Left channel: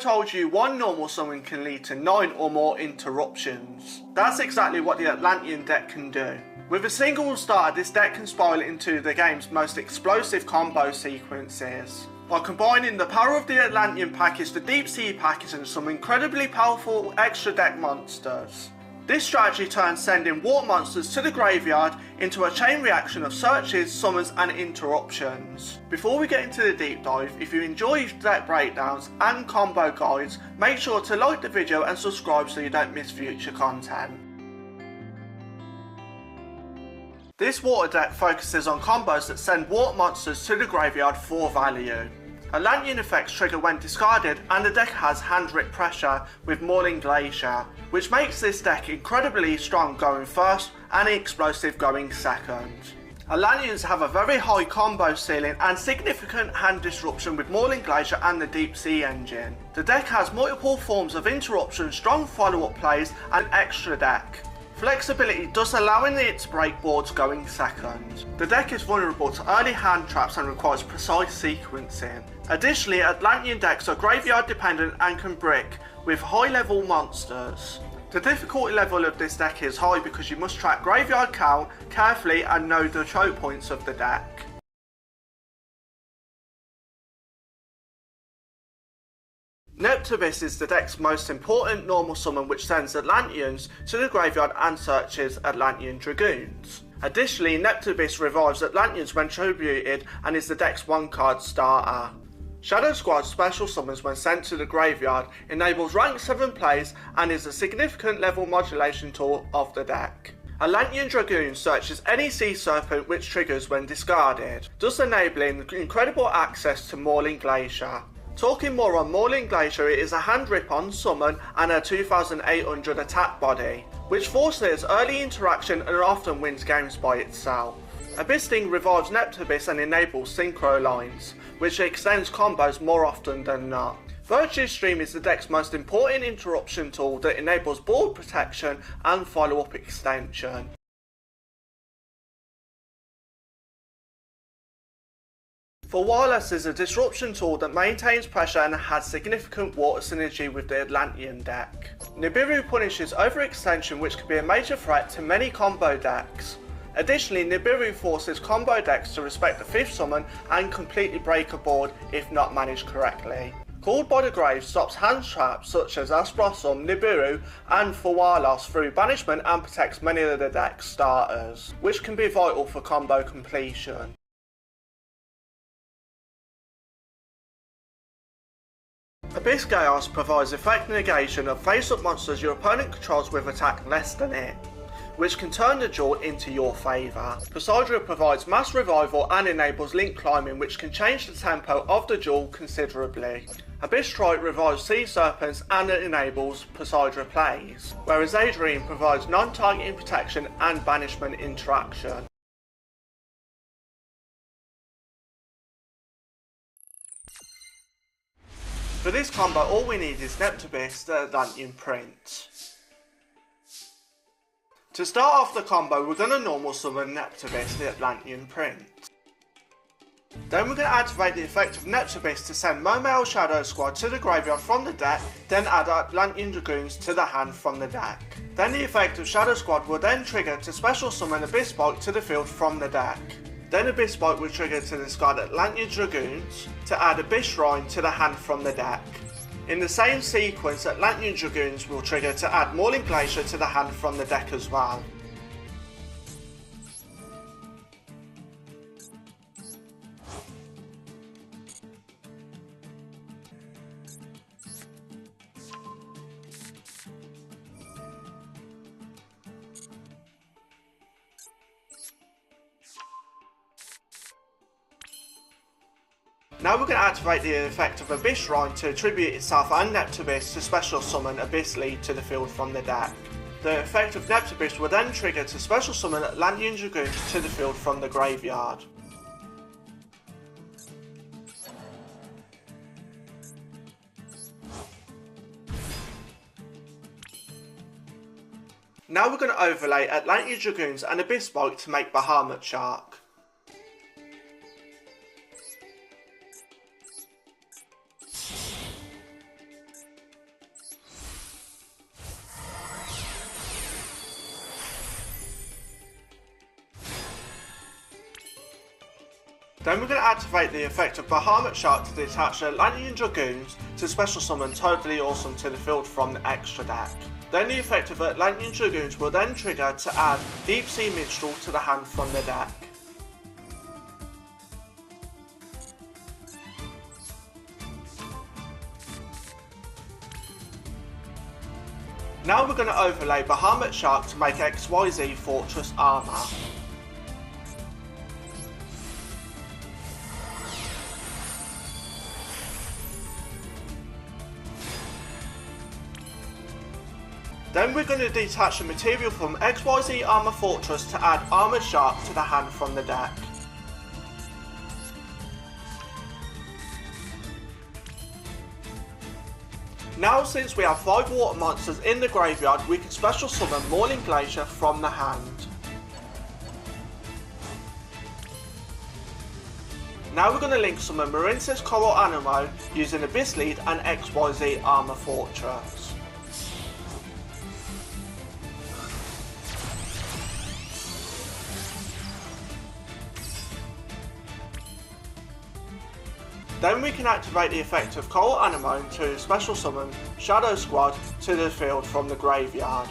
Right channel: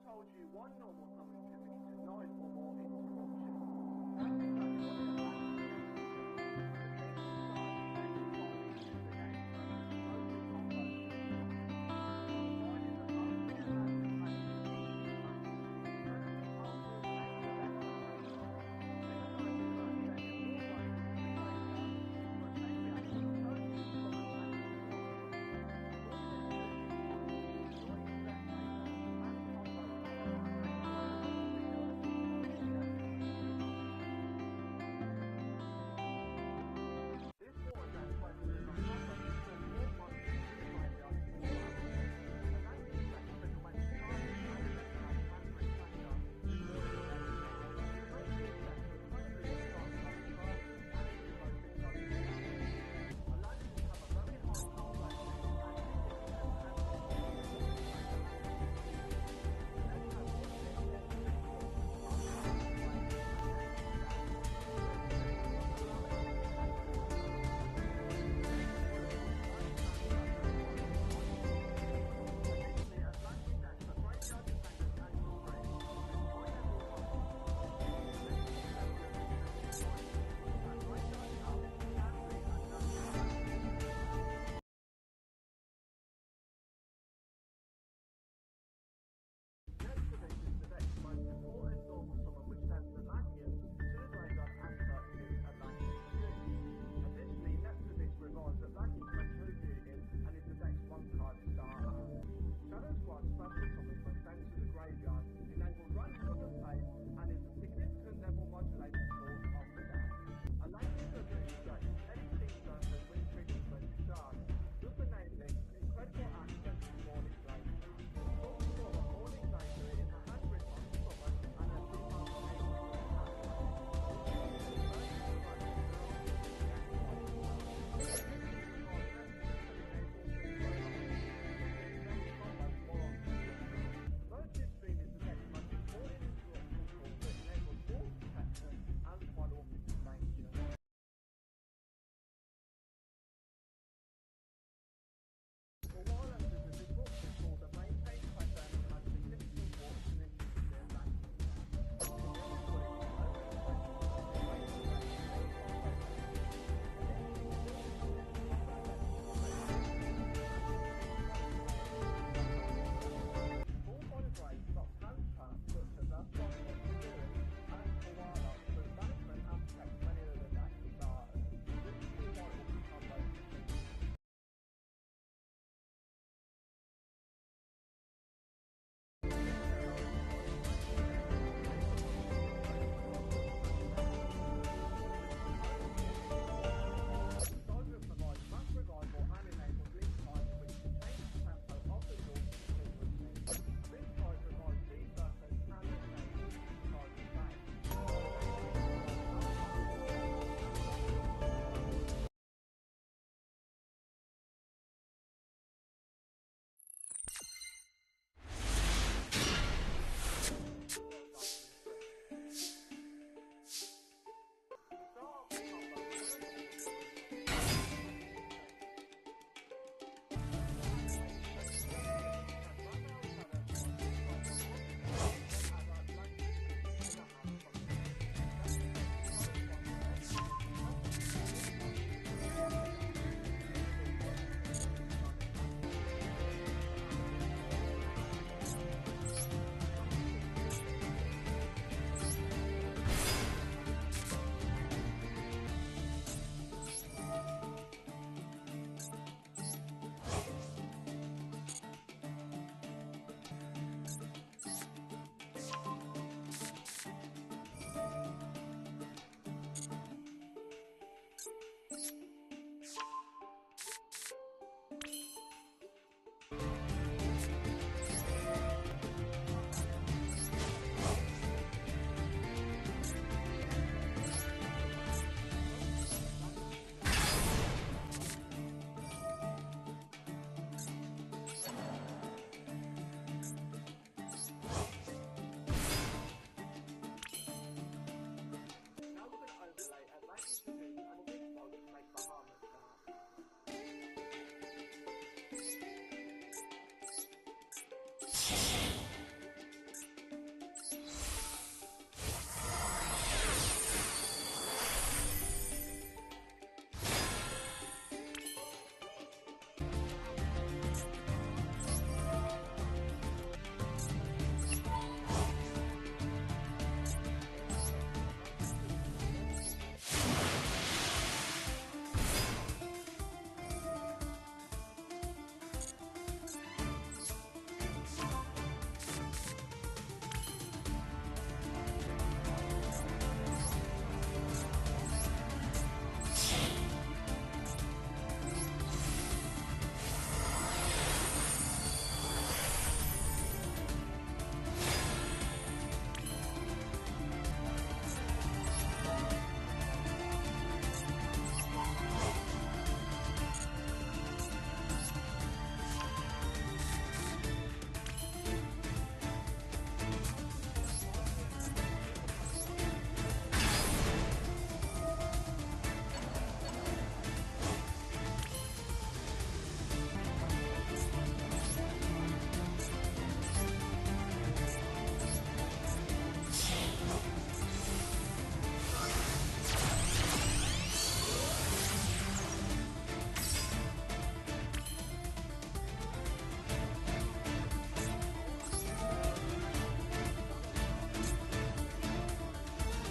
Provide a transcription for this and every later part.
told you one normal summon can lead to 9 or more interruptions. That's exactly what the Atlantean deck can do. With a single starter, this deck can spiral into the game's most explosive combo sequences. By combining the power of the Atlantean package, the Deep Sea package, and some incredibly powerful extra deck monsters. This strategy turns sending water monsters to the graveyard into a chain reaction of searches, summons and interruptions. Before we get into the deep dive, if you enjoy deck breakdowns and combo guides, make sure to like the video and subscribe so you don't miss future content. This water deck focuses on combos that send water monsters to the graveyard for value. Atlantean effects trigger when discarded, and the deck has hand-rip pressure with Mauling Glacier, which makes this deck incredibly strong going first and explosive going second. Atlanteans have a very high combo ceiling and significant hand disruption with Mauling Glacier and the Deep Sea engine. The deck has multiple forms of interruption, strong follow-up plays and extra deck. Flexibility, thus allowing it to break boards going second. The deck is vulnerable to early hand traps and requires precise sequencing. Additionally, Atlantean decks are graveyard dependent and can brick with high level monsters. The difficulty level of this deck is high because you must track graveyard count carefully and know the choke points of the deck. Neptubis is the deck's most important normal summon, which sends Atlanteans to the graveyard and searches Atlantean Dragoons. Additionally, Neptubis revives Atlanteans when tributed and is the deck's 1-card starter. Shadow Squad special summons when sent to the graveyard, enables rank 7 plays and is a significant level modulation tool of the deck. Atlantean Dragoon searches any Sea Serpent which triggers when discarded, thus enabling incredible access to Mauling Glacier. Talking more on Mauling Glacier, it is a hand rip on summon and a 2800 attack body, which forces early interaction and often wins games by itself. Abyssing revives Neptubis and enables synchro lines, which extends combos more often than not. Virtue Stream is the deck's most important interruption tool that enables board protection and follow-up extension. For Wireless is a disruption tool that maintains pressure and has significant water synergy with the Atlantean deck. Nibiru punishes overextension, which can be a major threat to many combo decks. Additionally, Nibiru forces combo decks to respect the 5th summon and completely break a board if not managed correctly. Called by the Grave stops hand traps such as Asprosum, Nibiru and Fawalos through banishment and protects many of the deck's starters, which can be vital for combo completion. Abyss Chaos provides effect negation of face-up monsters your opponent controls with attack less than it, which can turn the duel into your favour. Poseidra provides mass revival and enables link climbing, which can change the tempo of the duel considerably. Abyss Strike revives Sea Serpents and enables Poseidra plays, whereas Adrian provides non-targeting protection and banishment interaction. For this combo, all we need is Neptubis, the Atlantean print. To start off the combo, we're going to normal summon Neptubis, the Atlantean print. Then we're going to activate the effect of Neptubis to send Mermail Shadow Squad to the graveyard from the deck, then add Atlantean Dragoons to the hand from the deck. Then the effect of Shadow Squad will then trigger to special summon Abyss Bolt to the field from the deck. Then Abyss Bolt will trigger to discard Atlantean Dragoons to add Abyss Shrine to the hand from the deck. In the same sequence, Atlantean Dragoons will trigger to add Mauling Glacier to the hand from the deck as well. Now we're going to activate the effect of Abyss Shrine to attribute itself and Neptubis to special summon Abyss Lead to the field from the deck. The effect of Neptubis will then trigger to special summon Atlantean Dragoons to the field from the graveyard. Now we're going to overlay Atlantean Dragoons and Abyss Bolt to make Bahamut Shark. Then we're going to activate the effect of Bahamut Shark to detach Atlantean Dragoons to special summon Totally Awesome to the field from the extra deck. Then the effect of Atlantean Dragoons will then trigger to add Deep Sea Minstrel to the hand from the deck. Now we're going to overlay Bahamut Shark to make XYZ Fortress Armor. Then we're going to detach the material from XYZ Armor Fortress to add Armored Shark to the hand from the deck. Now since we have 5 water monsters in the graveyard, we can special summon Morning Glacier from the hand. Now we're going to link summon Marincess Coral Anemo using Abyss Lead and XYZ Armor Fortress. Then we can activate the effect of Coral Anemo to special summon Shadow Squad to the field from the graveyard.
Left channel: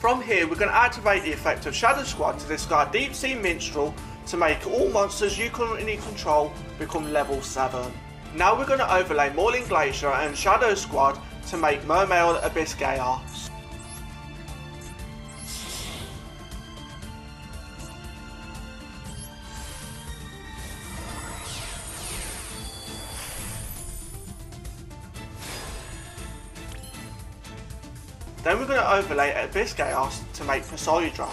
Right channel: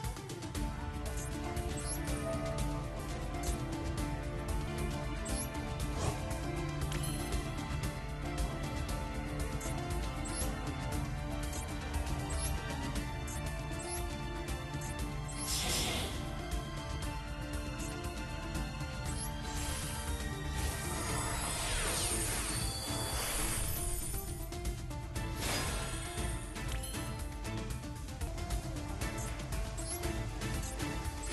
From here we're going to activate the effect of Shadow Squad to discard Deep Sea Minstrel to make all monsters you currently control become level 7. Now we're going to overlay Morning Glacier and Shadow Squad to make Mermail Abyss Chaos. Then we're going to overlay Abyss Chaos to make Poseidon.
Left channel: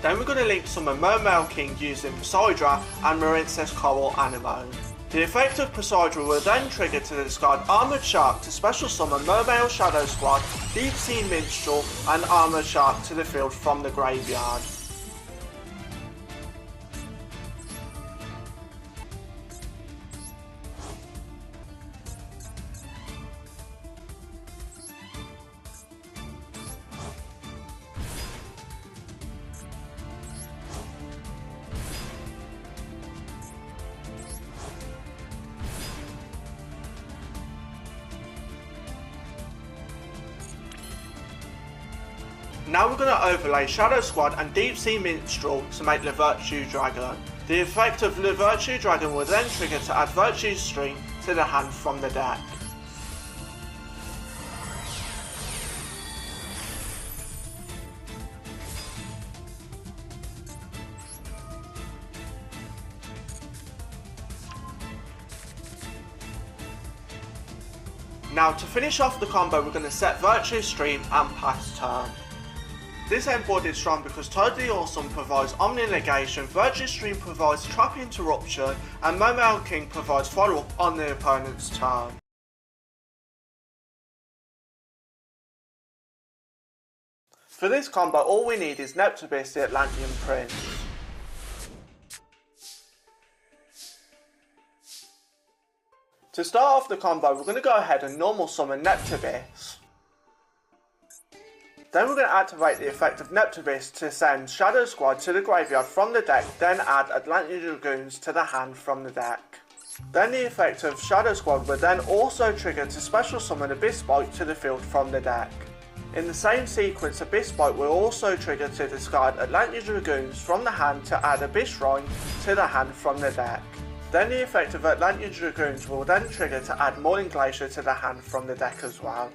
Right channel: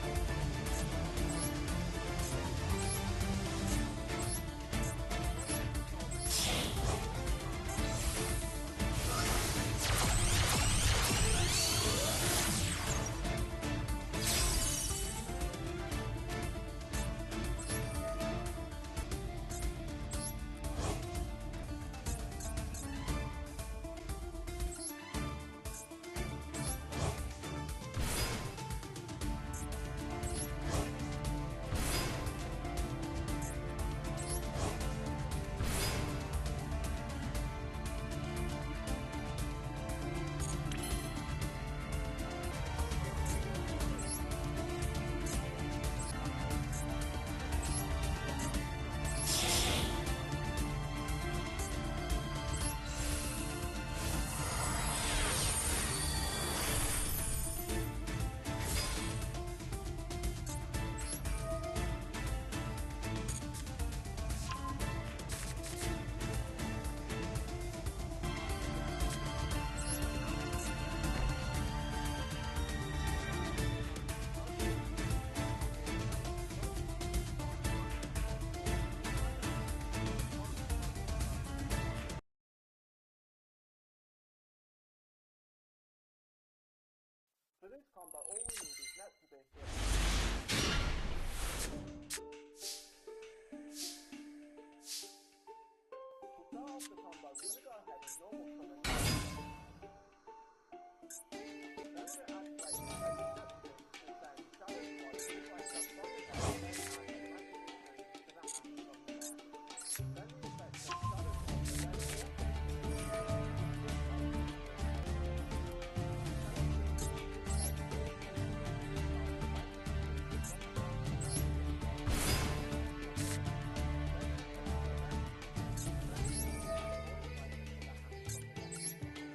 Then we're going to link summon Mermail King using Poseidon and Marincess Coral Anemo. The effect of Poseidon will then trigger to discard Armored Shark to special summon Mermail Shadow Squad, Deep Sea Minstrel and Armored Shark to the field from the graveyard. Now we're going to overlay Shadow Squad and Deep Sea Minstrel to make the Virtue Dragon. The effect of the Virtue Dragon will then trigger to add Virtue Stream to the hand from the deck. Now to finish off the combo we're going to set Virtue Stream and pass turn. This endboard is strong because Totally Awesome provides Omni Negation, Virtue Stream provides Trap Interruption, and Mermail King provides follow-up on the opponent's turn. For this combo all we need is Neptubis, the Atlantean Prince. To start off the combo we're going to go ahead and normal summon Neptubis. Then we're going to activate the effect of Neptubis to send Shadow Squad to the graveyard from the deck, then add Atlantean Dragoons to the hand from the deck. Then the effect of Shadow Squad will then also trigger to special summon Abyss Spike to the field from the deck. In the same sequence, Abyss Spike will also trigger to discard Atlantean Dragoons from the hand to add Abyss Shrine to the hand from the deck. Then the effect of Atlantean Dragoons will then trigger to add Morning Glacier to the hand from the deck as well.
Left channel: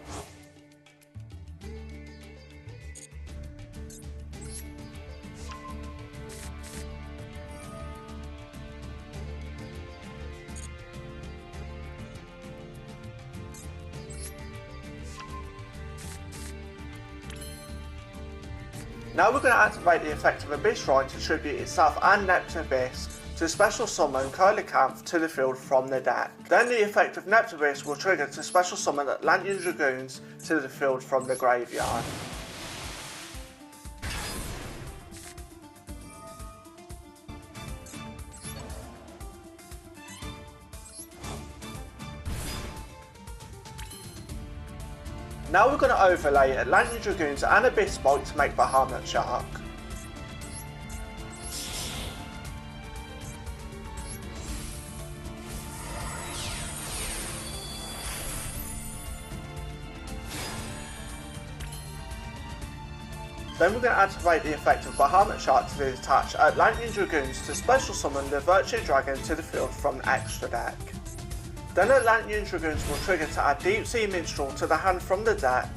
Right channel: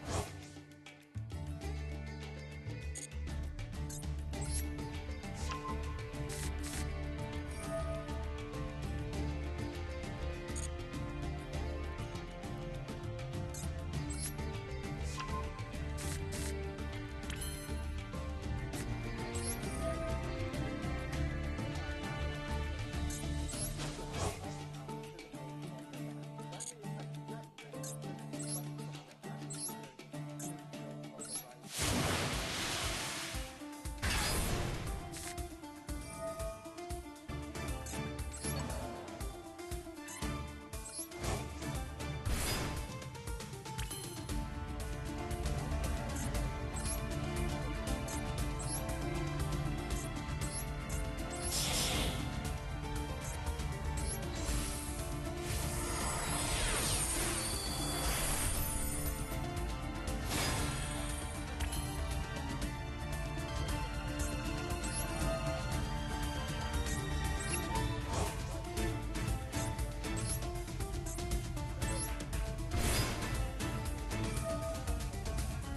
Now we're going to activate the effect of Abyss Shrine to tribute itself and Neptubis to special summon Coelacanth to the field from the deck. Then the effect of Neptubis will trigger to special summon Atlantean Dragoons to the field from the graveyard. Now we're going to overlay Atlantean Dragoons and Abyss Bolt to make Bahamut Shark. Then we're going to activate the effect of Bahamut Shark to detach Atlantean Dragoons to special summon the Virtue Dragon to the field from the extra deck. Then Atlantean Dragoons will trigger to add Deep Sea Minstrel to the hand from the deck.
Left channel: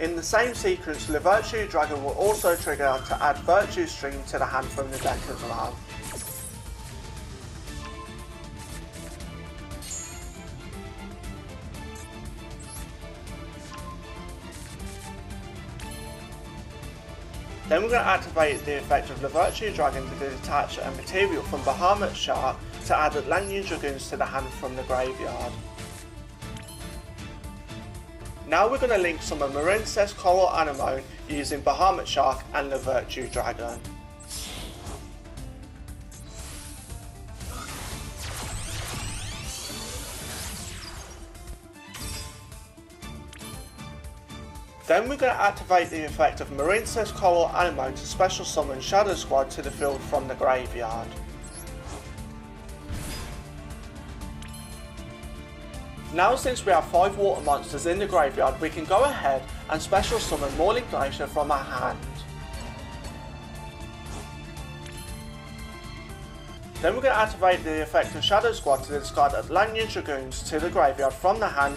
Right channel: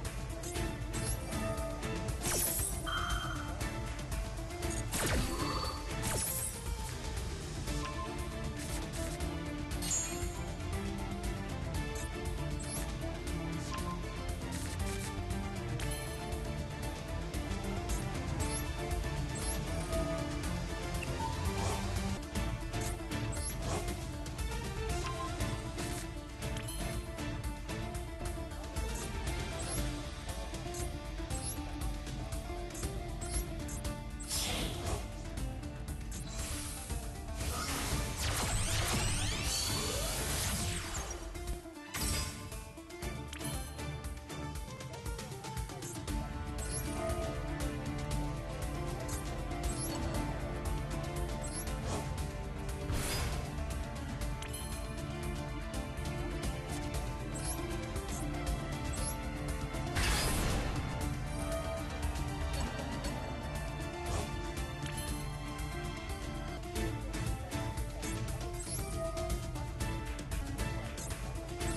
In the same sequence, the Virtue Dragon will also trigger to add Virtue String to the hand from the deck as well. Then we're going to activate the effect of the Virtue Dragon to detach a material from Bahamut Shark to add Atlantean Dragoons to the hand from the graveyard. Now we're going to link some of relentless Coral Anemo using Bahamut Shark and the Virtue Dragon. Then we're going to activate the effect of relentless Coral Anemo to special summon Shadow Squad to the field from the graveyard. Now since we have 5 water monsters in the graveyard, we can go ahead and special summon Morning Glacier from our hand. Then we're going to activate the effect of Shadow Squad to discard Atlantean Dragoons to the graveyard from the hand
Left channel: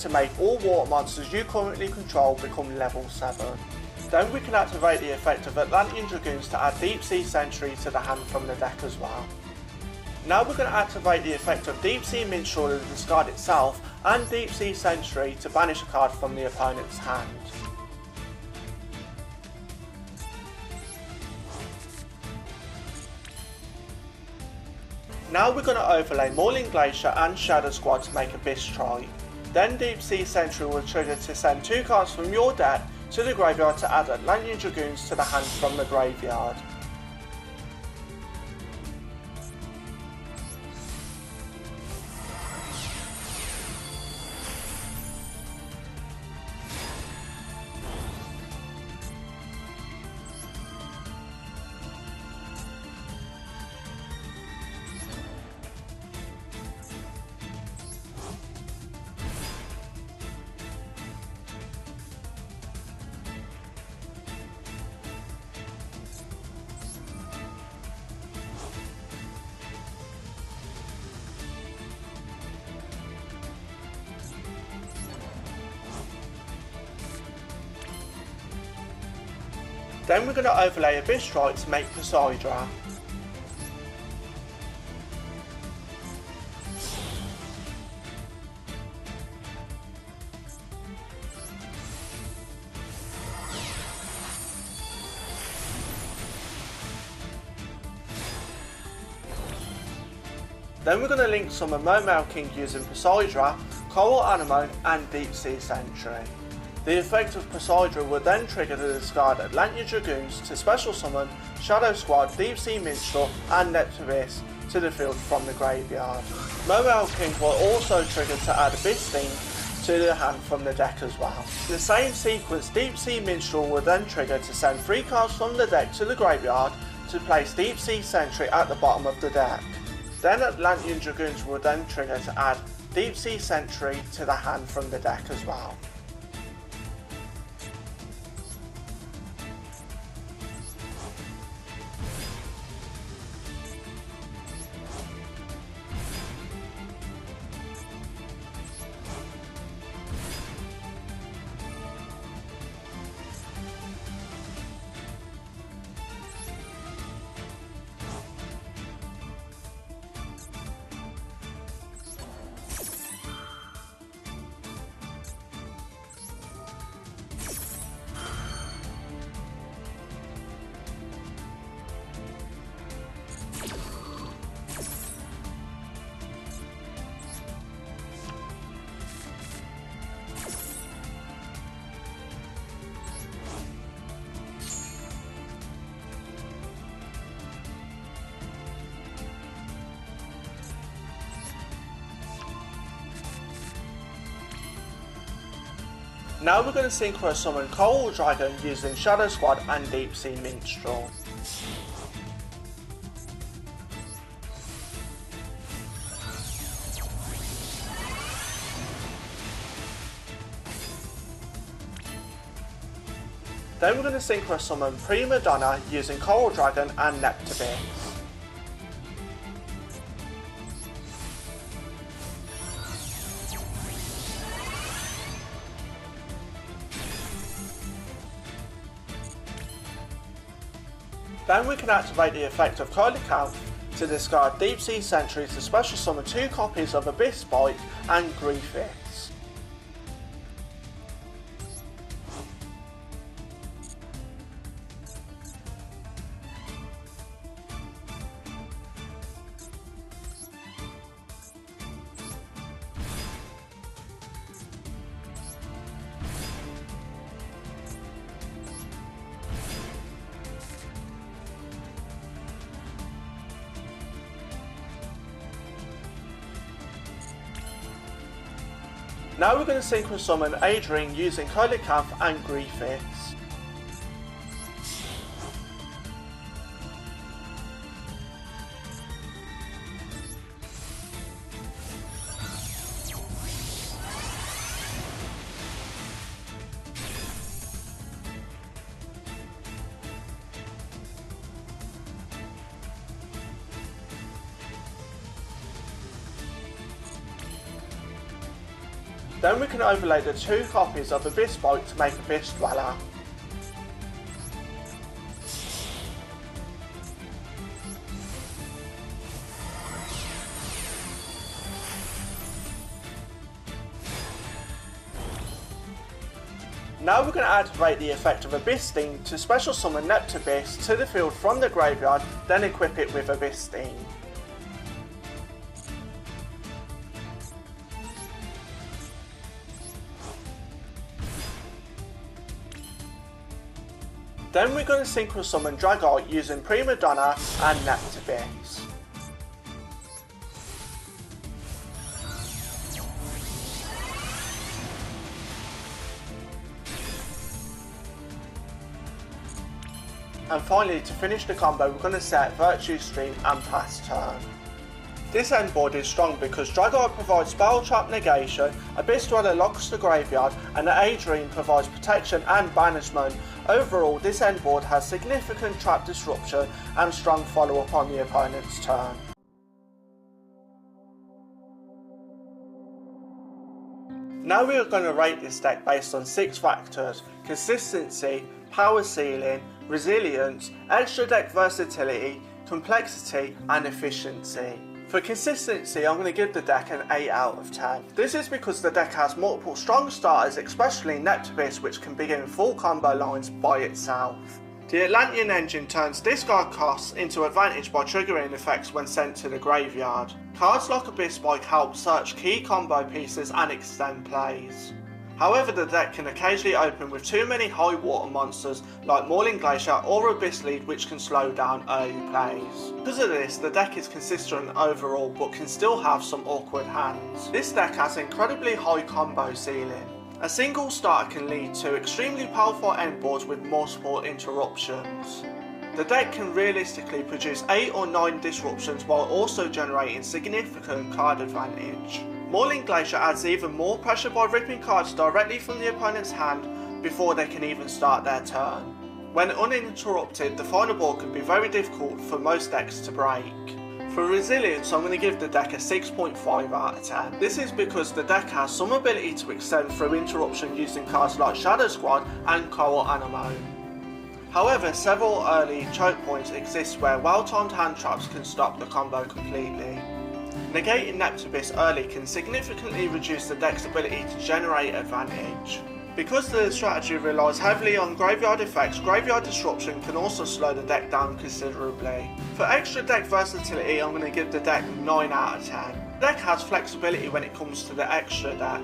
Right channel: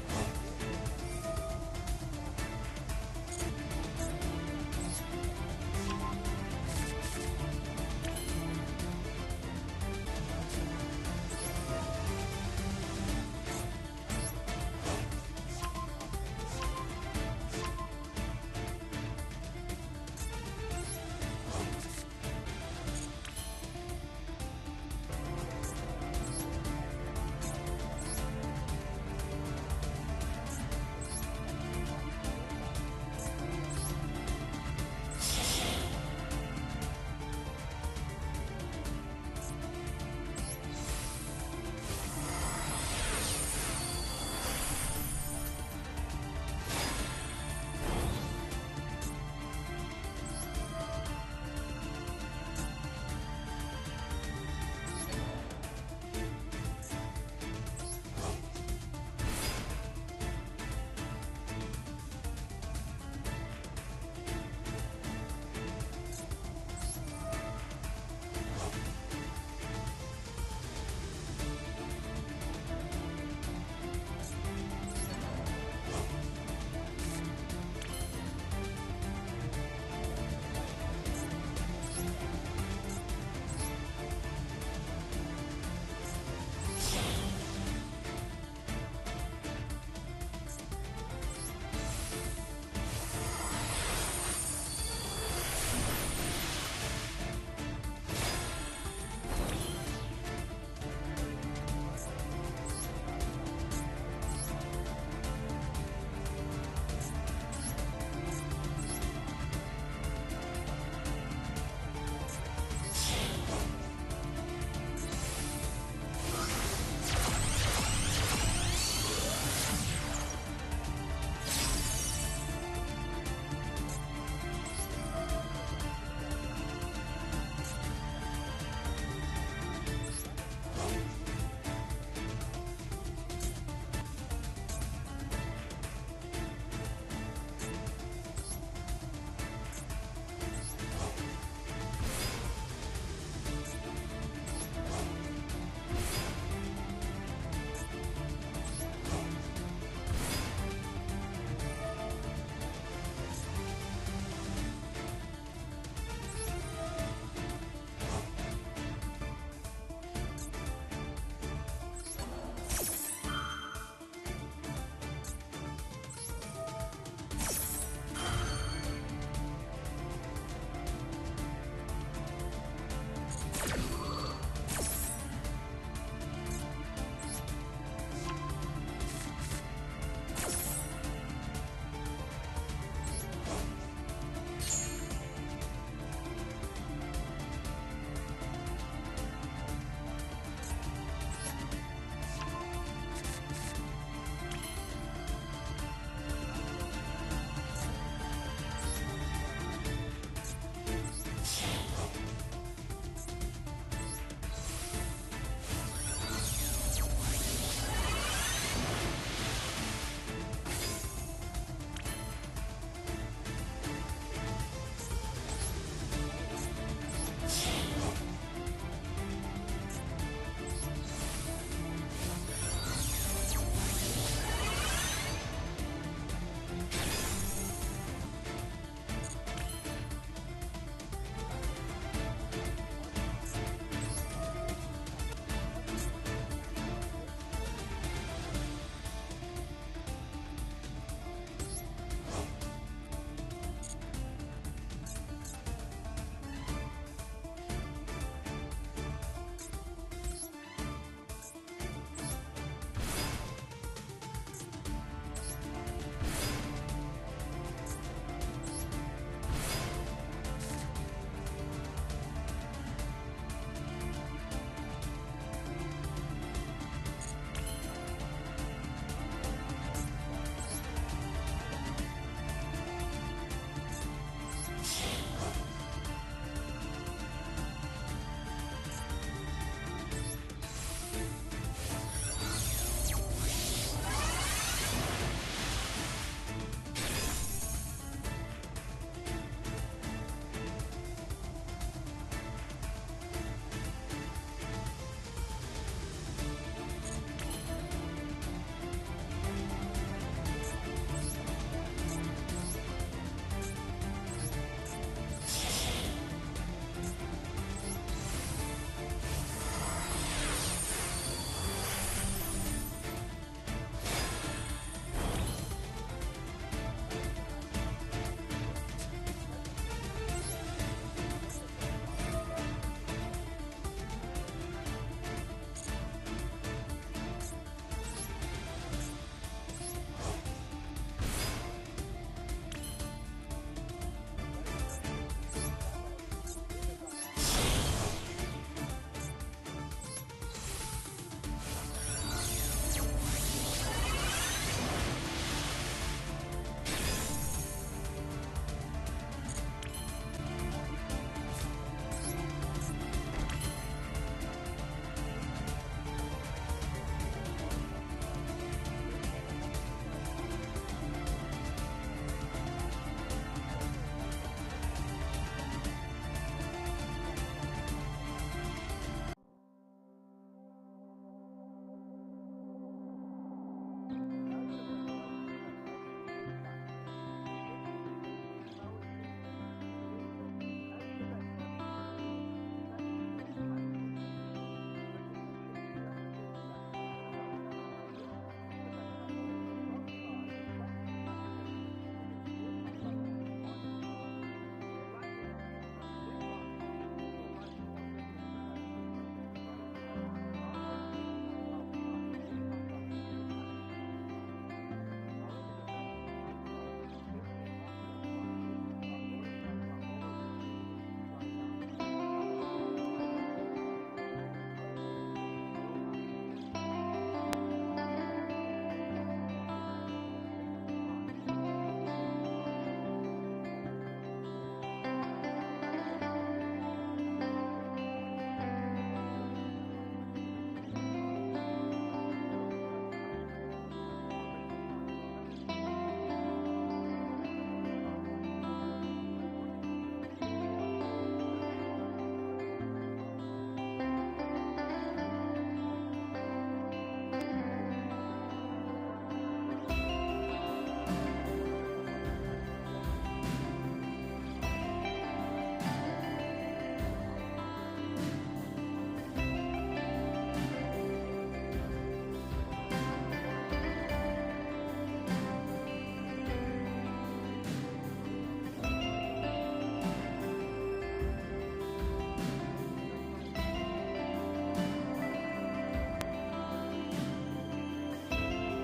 to make all water monsters you currently control become level 7. Then we can activate the effect of Atlantean Dragoons to add Deep Sea Sentry to the hand from the deck as well. Now we're going to activate the effect of Deep Sea Minstrel to discard itself and Deep Sea Sentry to banish a card from the opponent's hand. Now we're going to overlay Morning Glacier and Shadow Squad to make Abyss Strike. Then Deep Sea Sentry will trigger to send 2 cards from your deck to the graveyard to add Atlantean Dragoons to the hand from the graveyard. Then we're going to overlay Abyss Strike to make Poseidra. Then we're going to link some of Mermail King using Poseidra, Coral Anemo and Deep Sea Sentry. The effect of Poseidra will then trigger to discard Atlantean Dragoons to special summon Shadow Squad, Deep Sea Minstrel and Abyss to the field from the graveyard. Mermail King will also trigger to add Abyss Link to the hand from the deck as well. In the same sequence, Deep Sea Minstrel will then trigger to send 3 cards from the deck to the graveyard to place Deep Sea Sentry at the bottom of the deck. Then Atlantean Dragoons will then trigger to add Deep Sea Sentry to the hand from the deck as well. Now we're going to synchro summon Coral Dragon using Shadow Squad and Deep Sea Minstrel. Then we're going to synchro summon Prima Donna using Coral Dragon and Neptubis. Then we can activate the effect of Coelacanth to discard Deep Sea Sentry to special summon 2 copies of Abyss Bite and Griefith. Now we're going to synchro summon Adrian using Coelacanth and Griefith. Then we can overlay the 2 copies of Abyss Bite to make Abyss Dweller. Now we're going to activate the effect of Abyss Sting to special summon Neptubis to the field from the graveyard, then equip it with Abyss Sting. Then we're going to synchro summon Dragite using Prima Donna and Neptubis. And finally, to finish the combo, we're going to set Virtue Stream and Pass Turn. This endboard is strong because Dragite provides Spell Trap negation, Abyss Dweller locks the graveyard, and the Adrian provides protection and banishment. Overall, this endboard has significant trap disruption and strong follow-up on the opponent's turn. Now we are going to rate this deck based on 6 factors: consistency, power ceiling, resilience, extra deck versatility, complexity and efficiency. For consistency, I'm going to give the deck an 8 out of 10. This is because the deck has multiple strong starters, especially Neptubis, which can begin full combo lines by itself. The Atlantean engine turns discard costs into advantage by triggering effects when sent to the graveyard. Cards like Abyss Bite help search key combo pieces and extend plays. However, the deck can occasionally open with too many high water monsters like Mauling Glacier or Abyss Lead, which can slow down early plays. Because of this, the deck is consistent overall but can still have some awkward hands. This deck has incredibly high combo ceiling. A single starter can lead to extremely powerful endboards with multiple interruptions. The deck can realistically produce 8 or 9 disruptions while also generating significant card advantage. Mauling Glacier adds even more pressure by ripping cards directly from the opponent's hand before they can even start their turn. When uninterrupted, the final board can be very difficult for most decks to break. For resilience, I'm going to give the deck a 6.5 out of 10. This is because the deck has some ability to extend through interruption using cards like Shadow Squad and Coral Anemone. However, several early choke points exist where well-timed hand traps can stop the combo completely. Negating Neptubis early can significantly reduce the deck's ability to generate advantage. Because the strategy relies heavily on graveyard effects, graveyard disruption can also slow the deck down considerably. For extra deck versatility, I'm going to give the deck 9 out of 10. The deck has flexibility when it comes to the extra deck.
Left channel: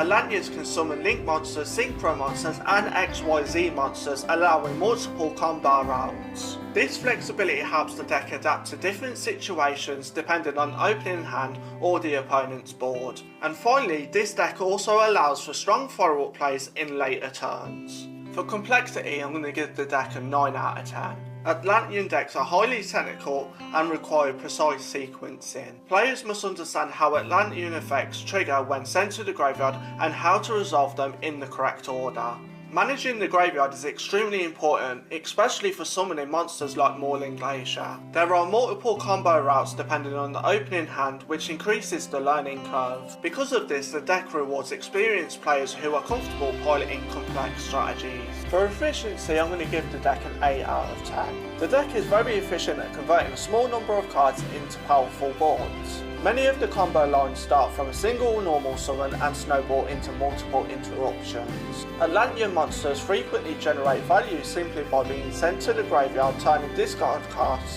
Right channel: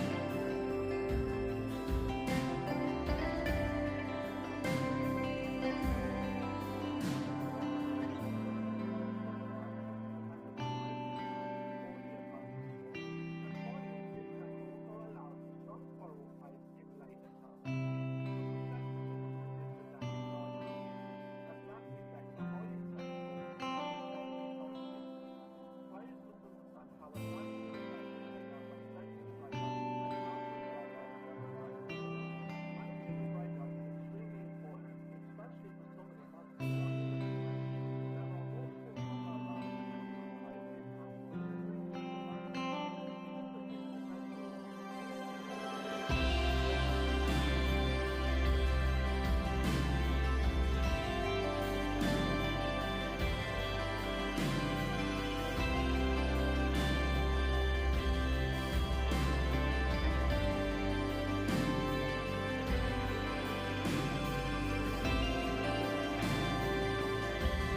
Atlanteans can summon Link monsters, Synchro monsters and XYZ monsters, allowing multiple combo routes. This flexibility helps the deck adapt to different situations depending on opening hand or the opponent's board. And finally, this deck also allows for strong follow-up plays in later turns. For complexity, I'm going to give the deck a 9 out of 10. Atlantean decks are highly technical and require precise sequencing. Players must understand how Atlantean effects trigger when sent to the graveyard and how to resolve them in the correct order. Managing the graveyard is extremely important, especially for summoning monsters like Mauling Glacier. There are multiple combo routes depending on the opening hand, which increases the learning curve. Because of this, the deck rewards experienced players who are comfortable piloting complex strategies. For efficiency, I'm going to give the deck an 8 out of 10. The deck is very efficient at converting a small number of cards into powerful boards. Many of the combo lines start from a single normal summon and snowball into multiple interruptions. Atlantean monsters frequently generate value simply by being sent to the graveyard, turning discarded cards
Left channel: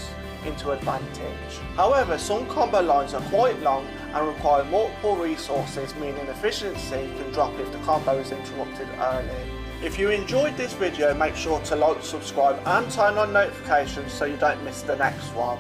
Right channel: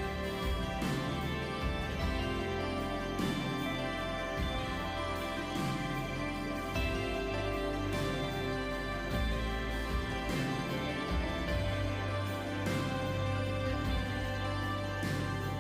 into advantage. However, some combo lines are quite long and require multiple resources, meaning efficiency can drop if the combo is interrupted early. If you enjoyed this video, make sure to like, subscribe and turn on notifications so you don't miss the next one.